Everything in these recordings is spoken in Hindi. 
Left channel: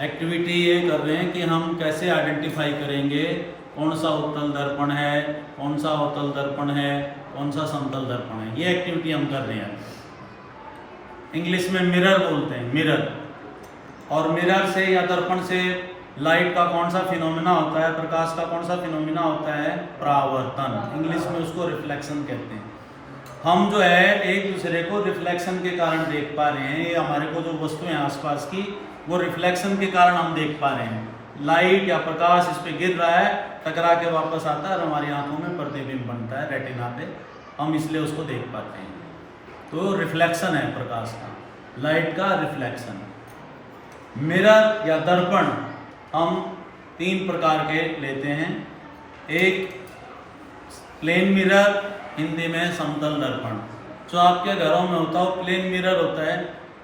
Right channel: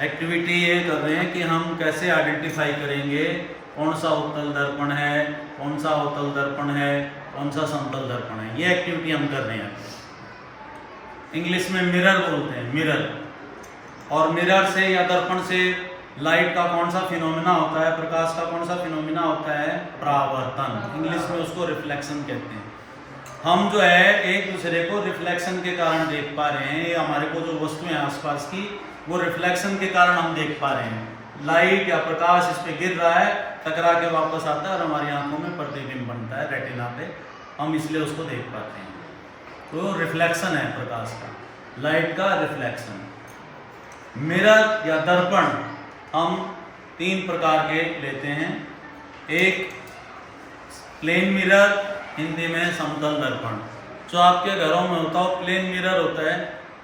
एक्टिविटी ये कर रहे हैं कि हम कैसे आइडेंटिफाई करेंगे कौन सा उत्तल दर्पण है, कौन सा अवतल दर्पण है, कौन सा समतल दर्पण है। ये एक्टिविटी हम कर रहे हैं। इंग्लिश में मिरर बोलते हैं, मिरर। और मिरर से या दर्पण से लाइट का कौन सा फिनोमिना होता है, प्रकाश का कौन सा फिनोमिना होता है, परावर्तन। इंग्लिश में उसको रिफ्लेक्शन कहते हैं। हम जो है एक दूसरे को रिफ्लेक्शन के कारण देख पा रहे हैं। ये हमारे को जो वस्तुएं आसपास की वो रिफ्लेक्शन के कारण हम देख पा रहे हैं। लाइट या प्रकाश इस पे गिर रहा है, टकरा के वापस आता है और हमारी आंखों में प्रतिबिंब बनता है रेटिना पे, हम इसलिए उसको देख पाते हैं। तो रिफ्लेक्शन है प्रकाश का, लाइट का रिफ्लेक्शन। मिरर या दर्पण हम 3 प्रकार के लेते हैं। एक प्लेन मिरर, हिंदी में समतल दर्पण। जो आपके घरों में होता है प्लेन मिरर होता है,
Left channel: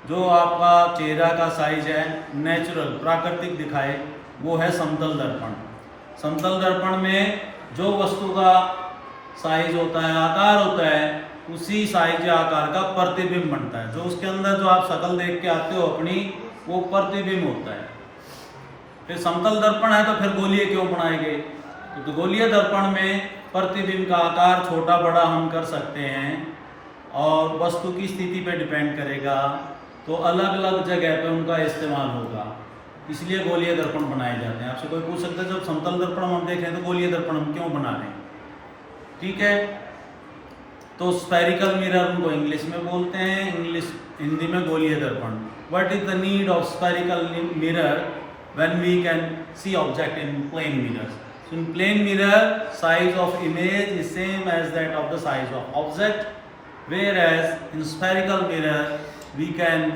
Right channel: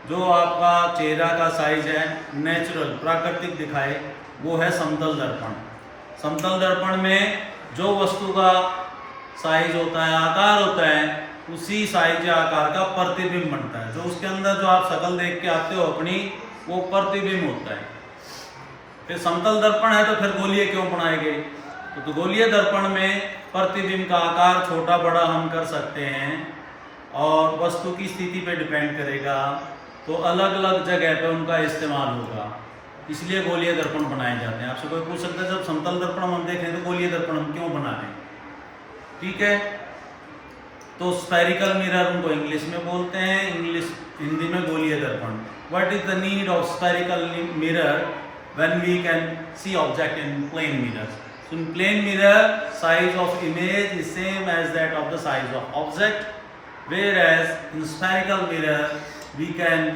जो आपका चेहरा का साइज है नेचुरल प्राकृतिक दिखाए, वो है समतल दर्पण। समतल दर्पण में जो वस्तु का साइज होता है, आकार होता है, उसी साइज या आकार का प्रतिबिंब बनता है। जो उसके अंदर जो आप शक्ल देख के आते हो अपनी, वो प्रतिबिंब होता है। फिर समतल दर्पण है तो फिर गोलीय क्यों बनाए गए? तो गोलीय दर्पण में प्रतिबिंब का आकार छोटा बड़ा हम कर सकते हैं और वस्तु की स्थिति पे डिपेंड करेगा, तो अलग अलग जगह पे उनका इस्तेमाल होगा, इसलिए गोलीय दर्पण बनाए जाते हैं। आपसे कोई पूछ सकता है जब समतल दर्पण हम देख रहे हैं तो गोलीय दर्पण हम क्यों बना रहे हैं? ठीक है, तो स्फेरिकल मिरर उनको इंग्लिश में बोलते हैं, हिंदी में गोलीय दर्पण। What is the need of spherical mirror when we can see object in plane mirrors? So in plane mirror, size of image is same as that of the size of object, whereas in spherical mirror we can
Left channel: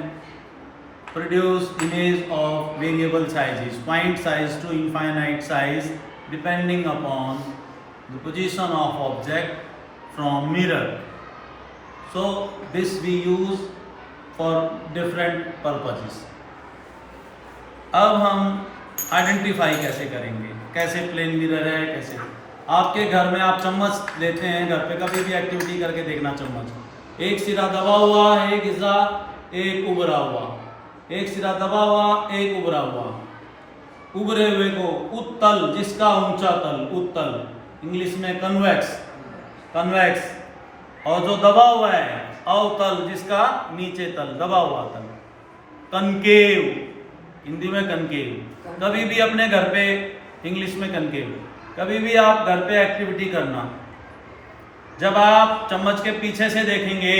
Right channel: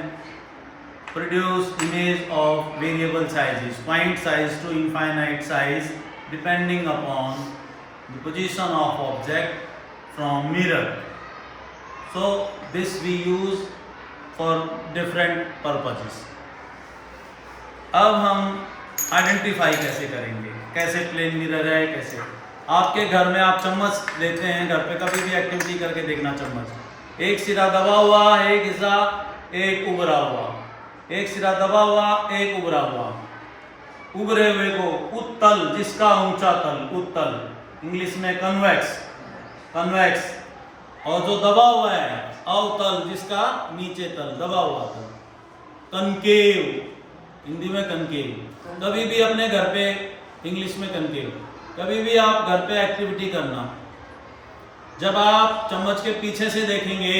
produce image of variable sizes, point size to infinite size, depending upon the position of object from mirror. So this we use for different purposes. अब हम आइडेंटिफाई कैसे करेंगे, कैसे प्लेन मिरर है, कैसे आपके घर में आप चम्मच लेते हैं, घर पे कभी भी एक्टिविटी करके देखना। चम्मच एक सिरा दबा हुआ, एक हिस्सा एक उभरा हुआ, एक सिरा दबा हुआ, एक उभरा हुआ। उभरे हुए को उत्तल, जिसका ऊंचा तल, उत्तल, इंग्लिश में कन्वेक्स, कन्वेक्स। और जो दबा हुआ है अवतल, जिसका नीचे तल, दबा हुआ तल, कनकेव, हिंदी में कनकेव। कभी भी अपने घर पे, इंग्लिश में कनकेव, कभी भी आप घर पे एक्टिविटी करना, जब आप चम्मच के पीछे से देखेंगे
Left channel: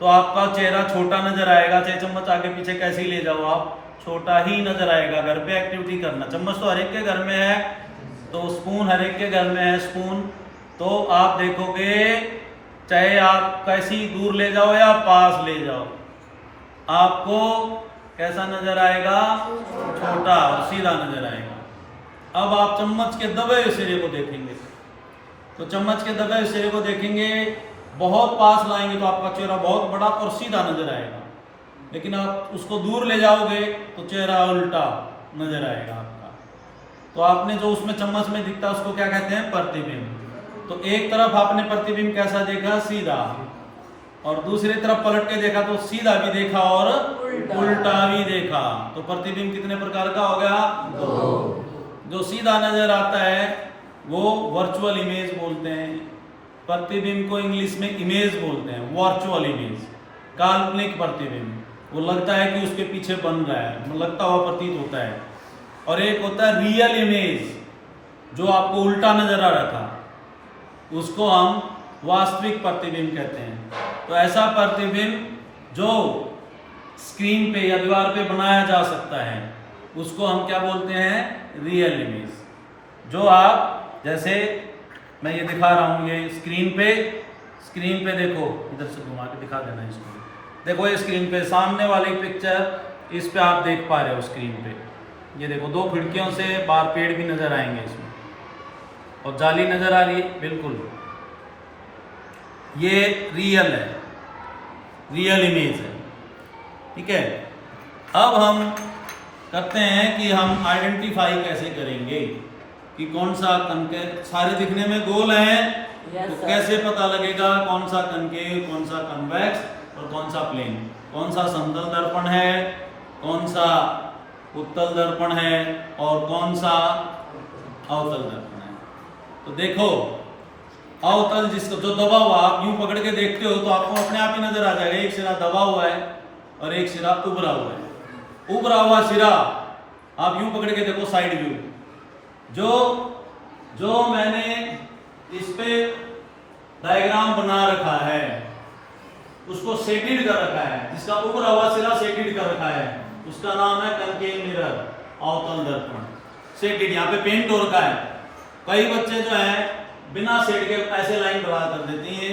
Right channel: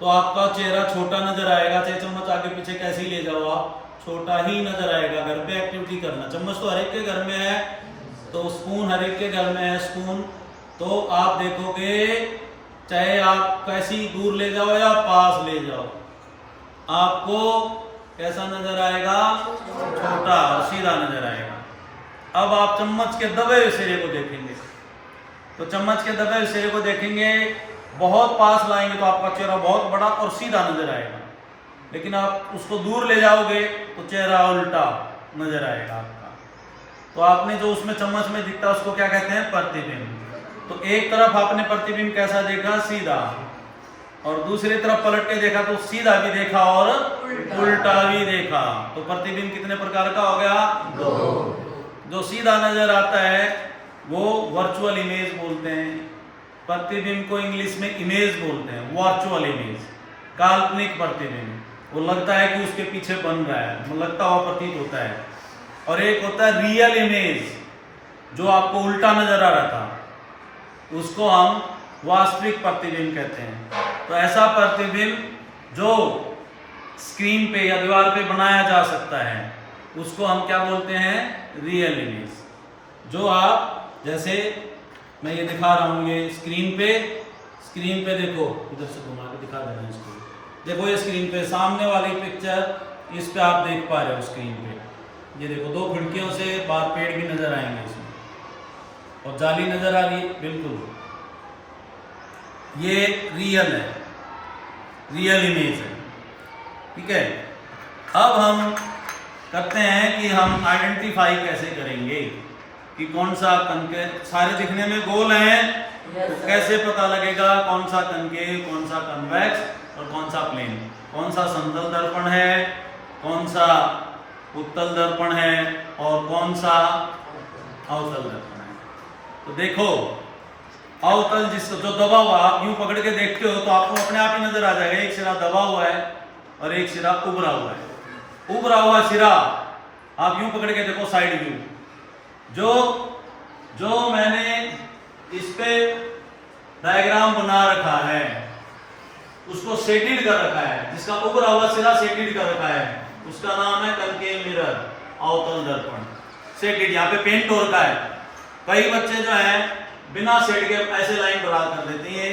तो आपका चेहरा छोटा नजर आएगा। चाहे चम्मच आगे पीछे कैसे ही ले जाओ आप, छोटा ही नजर आएगा। घर पे एक्टिविटी करना, चम्मच तो हर एक के घर में है, तो स्पून हर एक के घर में है, स्पून। तो आप देखोगे चाहे आप कैसी दूर ले जाओ या पास ले जाओ, आपको कैसा नजर आएगा, छोटा और सीधा नजर आएगा। अब आप चम्मच के दबे हुए सिरे को देखेंगे, तो चम्मच के दबे हुए सिरे को देखेंगे, बहुत पास लाएंगे तो आपका चेहरा बहुत बड़ा और सीधा नजर आएगा। लेकिन आप उसको दूर ले जाओगे तो चेहरा उल्टा नजर आएगा आपका। तो आपने जो उसमें चम्मच में दिखता है उसको क्या कहते हैं, प्रतिबिंब। तो एक तरफ आपने प्रतिबिंब कैसा देखा, सीधा, और दूसरी तरफ पलट के देखा तो सीधा भी देखा और उल्टा भी देखा। तो प्रतिबिंब कितने प्रकार का हो गया, 2। जो सीधा नजर आता है वो वर्चुअल इमेज बोलते हैं। प्रतिबिंब को इंग्लिश में इमेज बोलते हैं, वर्चुअल इमेज, काल्पनिक प्रतिबिंब। वो लगता है कि उसके पीछे बन रहा है, लगता हुआ प्रतीत होता है। और एक होता है रियल इमेज, जो आपको उल्टा नजर आ रहा था, उसको हम वास्तविक प्रतिबिंब कहते हैं। तो ऐसा प्रतिबिंब जो स्क्रीन पे या दीवार पे बनाया जा सकता है, उसको हम क्या बोलते हैं, रियल इमेज। जो आप, जैसे मैं ये दिखा रहा हूँ, ये स्क्रीन पे देखो, इधर से घुमा के दिखा देना इसको। देखो ये स्क्रीन पे सामने वाली पिक्चर, इस पे आप देख पा रहे हो स्क्रीन पे, ये देखो 2 खिड़कियों से बाहर पेड़ भी नजर आएंगे इसमें, और जाली नजर आ रही है, बिल्कुल ये रियल है, रियल इमेज है। ठीक है, अब हम करते हैं कि हम आइडेंटिफाई कैसे करेंगे कि कौन सा कनकेव, सारे दिखने में गोल हैं, तो कैसे पता लगेगा कौन सा कनकेव, कौन सा कन्वेक्स और कौन सा प्लेन, कौन सा समतल दर्पण है, कौन सा उत्तल दर्पण है और कौन सा अवतल दर्पण है। तो देखो अवतल जिसको जो दबा हुआ, आप यूं पकड़ के देखते हो तो आपको अपने आप ही नजर आ जाएगा, एक सिरा दबा हुआ है और एक सिरा उभरा हुआ है। उभरा हुआ सिरा आप यूं पकड़ के देखो साइड व्यू, जो मैंने इस पे डायग्राम बना रखा है उसको सेटेड कर रखा है, जिसका उभरा हुआ सिरा सेटेड कर रखा है, उसका नाम है कनकेव मिरर, अवतल दर्पण। सेटेड यहाँ पे पेंट हो रखा है। कई बच्चे जो है बिना सेट के ऐसे लाइन ड्रा कर देते हैं,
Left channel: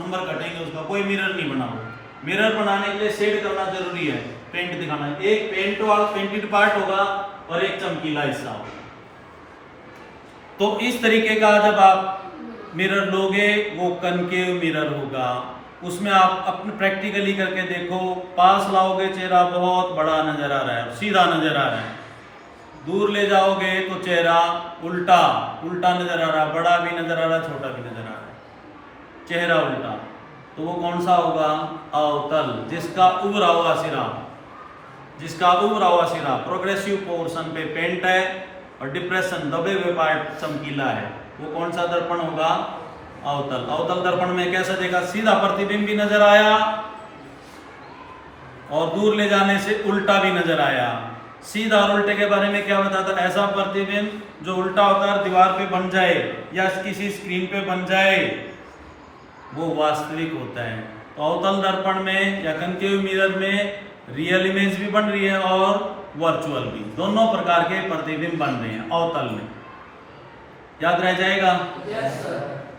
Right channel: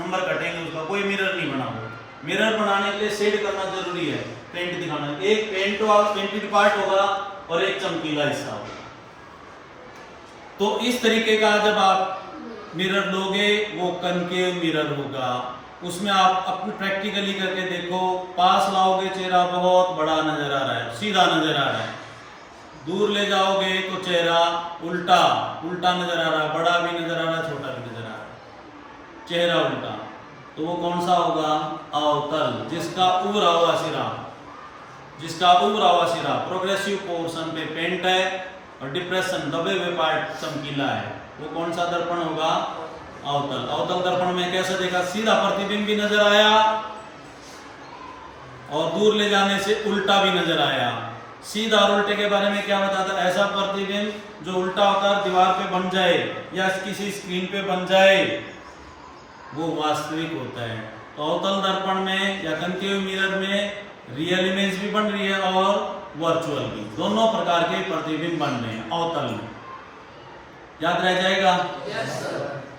नंबर कटेंगे उसका, कोई मिरर नहीं बना हुआ। मिरर बनाने के लिए सेट करना जरूरी है, पेंट दिखाना। एक पेंट वाला पेंटेड पार्ट होगा और एक चमकीला हिस्सा होगा। तो इस तरीके का जब आप मिरर लोगे वो कनकेव मिरर होगा। उसमें आप अपने प्रैक्टिकली करके देखो, पास लाओगे चेहरा बहुत बड़ा नजर आ रहा है, सीधा नजर आ रहा है। दूर ले जाओगे तो चेहरा उल्टा उल्टा नजर आ रहा है, बड़ा भी नजर आ रहा है, छोटा भी नजर आ रहा है, चेहरा उल्टा। तो वो कौन सा होगा? अवतल, जिसका उभरा हुआ सिरा प्रोग्रेसिव पोर्शन पे पेंट है और डिप्रेशन दबे हुए पार्ट चमकीला है, वो कौन सा दर्पण होगा? अवतल। अवतल दर्पण में कैसे देखा? सीधा प्रतिबिंब भी नजर आया और दूर ले जाने से उल्टा भी नजर आया। सीधा और उल्टे के बारे में क्या बताता? ऐसा प्रतिबिंब जो उल्टा होकर दीवार पे बन जाए या किसी स्क्रीन पे बन जाए वो वास्तविक होता है। तो अवतल दर्पण में या कनकेव मिरर में रियल इमेज भी बन रही है और वर्चुअल भी, दोनों प्रकार के प्रतिबिंब बन रहे हैं अवतल में। याद रह जाएगा? yes,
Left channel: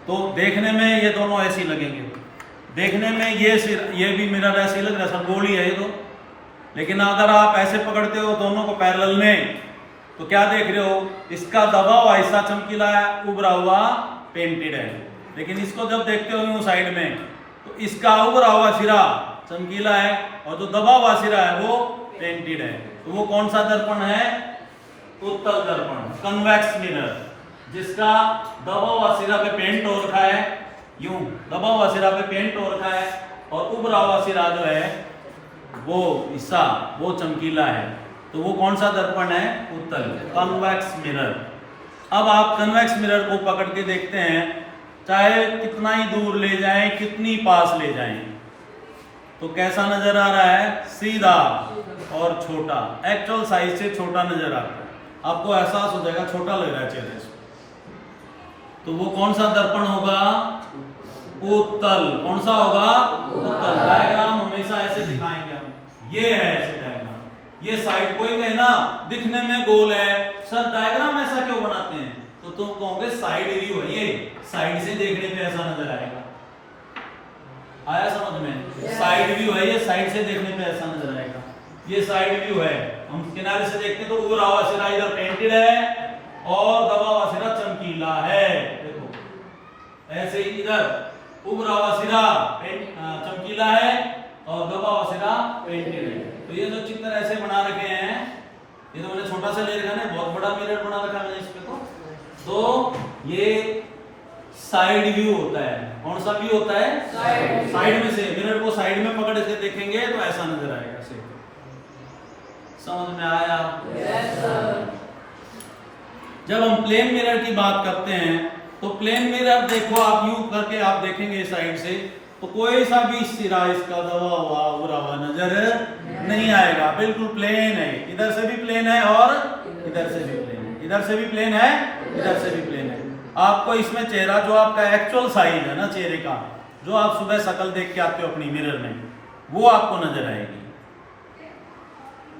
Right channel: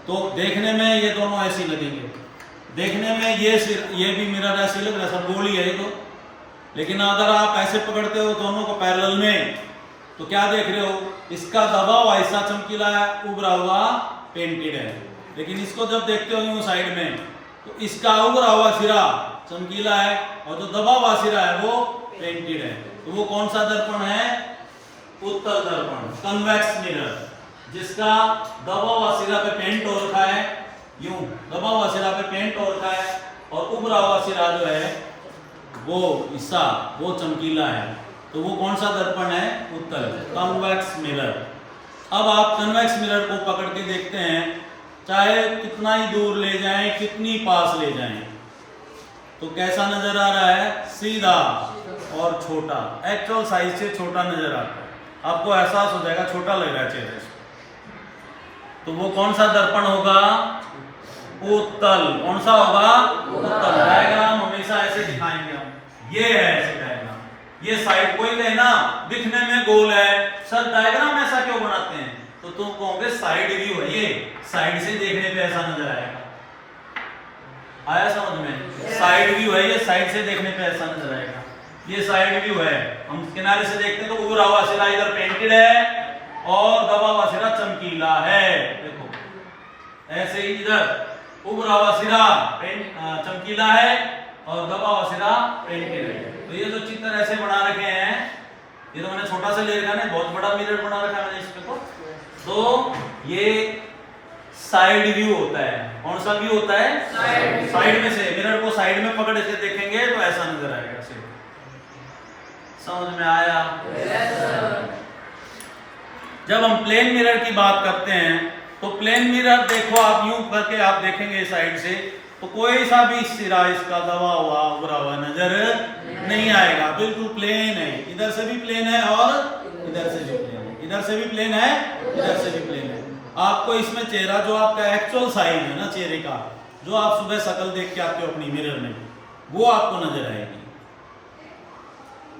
तो देखने में ये दोनों ऐसी लगेंगे, देखने में ये भी मिरर ऐसी लग रहा है, सब गोली है ये तो। लेकिन अगर आप ऐसे पकड़ते हो दोनों को पैरेलल में तो क्या देख रहे हो? इसका दबा हुआ हिस्सा चमकीला है, उभरा हुआ पेंटेड है। लेकिन इसको जब देखते हो यूं साइड में तो इसका उभरा हुआ सिरा चमकीला है और जो दबा हुआ सिरा है वो पेंटेड है। तो वो कौन सा दर्पण है? उत्तल दर्पण, कन्वेक्स मिरर, जिसका दबा हुआ सिरा पे पेंट हो रखा है, यूं दबा हुआ सिरा पे पेंट हो रखा है और उभरा हुआ सिरा जो है वो हिस्सा वो चमकीला है। तो वो कौन सा दर्पण है? उत्तल, कन्वेक्स मिरर। अब आप कन्वेक्स मिरर को पकड़ के देखते हैं, चाहे कितना ही दूर ले जाएं, कितनी पास ले जाएं, तो कैसा नजर आ रहा है? सीधा और छोटा, एक्चुअल साइज से छोटा नजर आता है। आपको एहसास हो जाएगा छोटा लग रहा है चेहरे से। तो वो कौन सा दर्पण होगा? उत्तल। कौन सा होगा? उत्तल। डायग्राम हमेशा ऐसे दिखाएंगे हम, ये है ऐसे डायग्राम, ये साइड कोई कहे ना दिखने में गोल है, सर डायग्राम ऐसा क्यों बनाते हैं? तो तुम कहोगे साइड व्यू है, ये साइड से देखने पे ऐसा नजर आएगा। आया समझ में? साइड व्यू है, ये साइड से देखने पे ऐसा नजर आएगा। ये साइड व्यू है, हम किनारे से देखते हैं तो उभरा हुआ सिरा इधर पेंटेड है और दबा हुआ सिरा चमकीला है। देखो ऐसे ही इधर उभरा हुआ सिरा चमकीला है और दबा हुआ सिरा पेंटेड है। तो ये जो चित्र ऐसे बना रखे हैं, ये तो मैंने छोटा सा ले रखा है, बहुत बड़ा मिरर बना रखा है मैंने इस पे। तो ये साइड व्यू होता है। कौन सा व्यू होता है? साइड में से। मिरर को साइड में पकड़ के देखेंगे तो ऐसा नजर आएगा। समझ में आया? जब हम प्लेन मिरर की बात करते हैं तो प्लेन मिरर देखो आप यूं करके आप देखेंगे साइड से तो कोई सा भी सिरा इसका दबा हुआ उभरा हुआ नजर नहीं आएगा, बिल्कुल प्लेन है। इधर से भी प्लेन है और इधर से भी प्लेन है, इधर से भी प्लेन है, इधर से भी प्लेन है। आपको इसमें चेहरा जो आपका एक्चुअल साइज है ना चेहरे का, जो आप सुबह शक्ल देख के आते हो अपनी मिरर में, वो आपको नजर आएगी।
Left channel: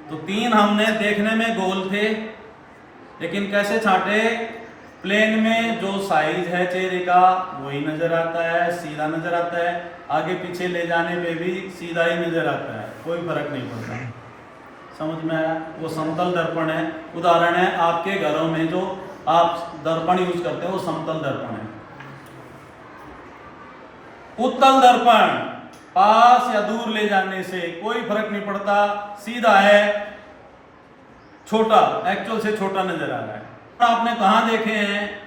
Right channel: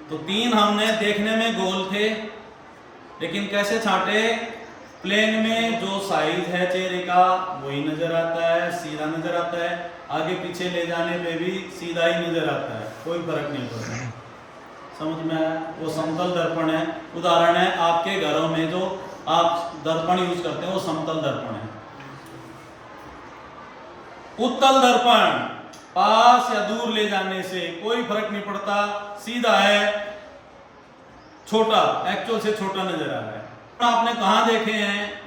तो तीन हमने देखने में गोल थे, लेकिन कैसे छांटे? प्लेन में जो साइज है चेहरे का वही नजर आता है, सीधा नजर आता है, आगे पीछे ले जाने पे भी सीधा ही नजर आता है, कोई फर्क नहीं पड़ता। समझ में आया? वो समतल दर्पण है। उदाहरण है आपके घरों में जो आप दर्पण यूज करते हैं वो समतल दर्पण है। उत्तल दर्पण पास या दूर ले जाने से कोई फर्क नहीं पड़ता, सीधा है, छोटा, एक्चुअल से छोटा नजर आ रहा है। आपने कहां देखे हैं?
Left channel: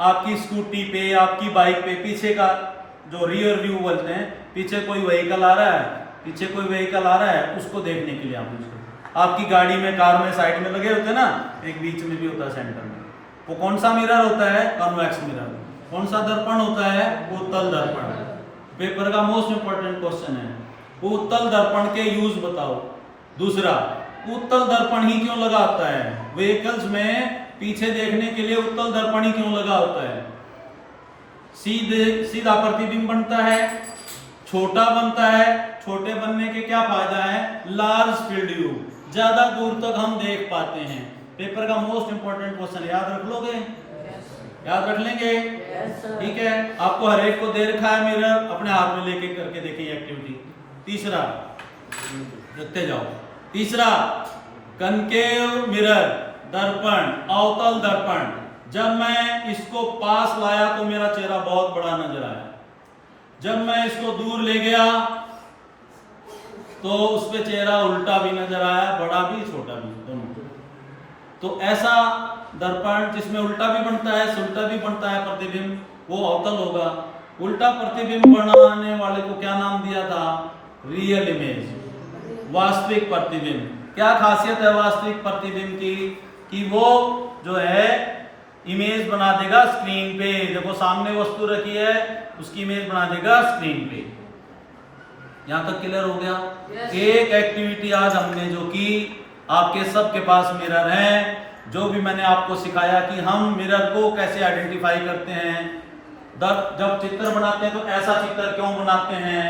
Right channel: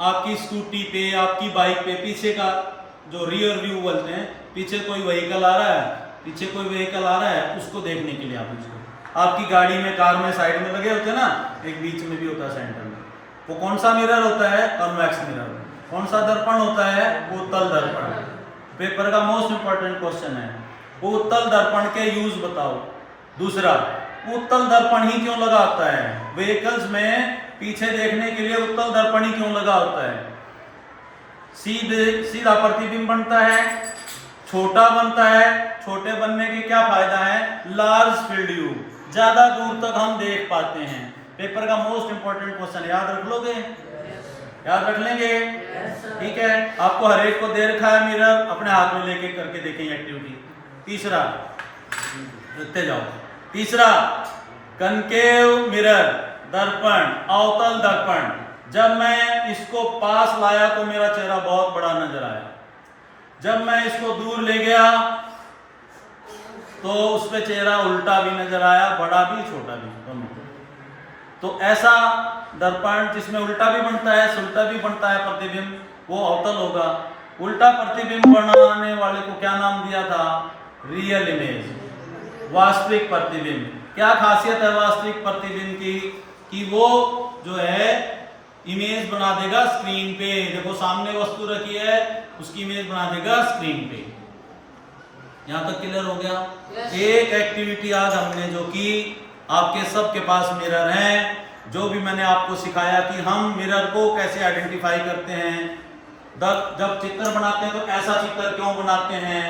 आपकी स्कूटी पे, आपकी बाइक पे, पीछे का जो रियर व्यू बोलते हैं, पीछे कोई व्हीकल आ रहा है, पीछे कोई व्हीकल आ रहा है, उसको देखने के लिए आप यूज करते हैं। आपकी गाड़ी में, कार में साइड में लगे होते हैं ना, एक बीच में भी होता है सेंटर में, वो कौन सा मिरर होता है? Convex mirror. कौन सा दर्पण होता है? उत्तल दर्पण। पेपर का मोस्ट इंपॉर्टेंट क्वेश्चन है, उत्तल दर्पण के यूज बताओ। दूसरा, उत्तल दर्पण ही क्यों लगा होता है? व्हीकल्स में पीछे देखने के लिए उत्तल दर्पण ही क्यों लगा होता है? सीधा प्रतिबिंब बनता है, छोटा बनता है। छोटे बनने के क्या फायदा है? लार्ज फील्ड व्यू, ज्यादा दूर तक हम देख पाते हैं। पेपर का मोस्ट इंपॉर्टेंट क्वेश्चन, याद रख लोगे? याद रख लेंगे? ठीक है, आपको हर एक को दे रखा है मिरर, अपने हाथ में लेके करके देखेंगे एक्टिविटी। तीसरा, देखते जाओ। तीसरा, कनकेव मिरर, दर्पण, अवतल दर्पण। जब मैं इसको पास लाया तो मेरा चेहरा बहुत बड़ा नजर आया, जब मैं इसको दूर ले गया तो उस पे चेहरा उल्टा भी नजर आया, बड़ा भी छोटा भी, दोनों। तो ऐसा दर्पण जिसमें उल्टा भी बनता है सुल्टा भी बनता है प्रतिबिंब, वो अवतल होगा। उल्टा प्रतिबिंब बनाने वाले को क्या नाम दिया था? रियल इमेज, वास्तविक प्रतिबिंब। क्या खासियत है वास्तविक प्रतिबिंब की? कि वो जो है इमेज बना देगा स्क्रीन पे। देखो सामने वस्तु रखी है, उसकी इमेज बना देगा स्क्रीन पे। यहां तक क्लियर हो गया? एक एक्टिविटी आज हमने जो की, आपके सबके पास मिरर है, जो भी मैंने आपको सिखाया कि हम मिरर को कैसे आइडेंटिफाई करते हैं, जब चित्र बनाते हैं तो ऐसा चित्र क्यों बनाते हैं,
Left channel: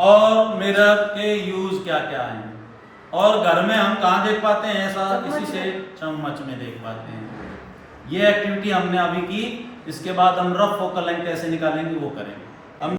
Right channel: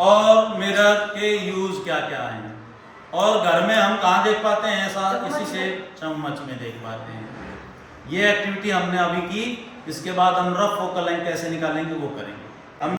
और मिरर के यूज क्या क्या हैं, और घर में हम कहाँ देख पाते हैं ऐसा? इसी से चम्मच में देख पाते हैं। ये एक्टिविटी हमने अभी की, इसके बाद हम रफ फोकल लाइन कैसे निकालेंगे वो करेंगे।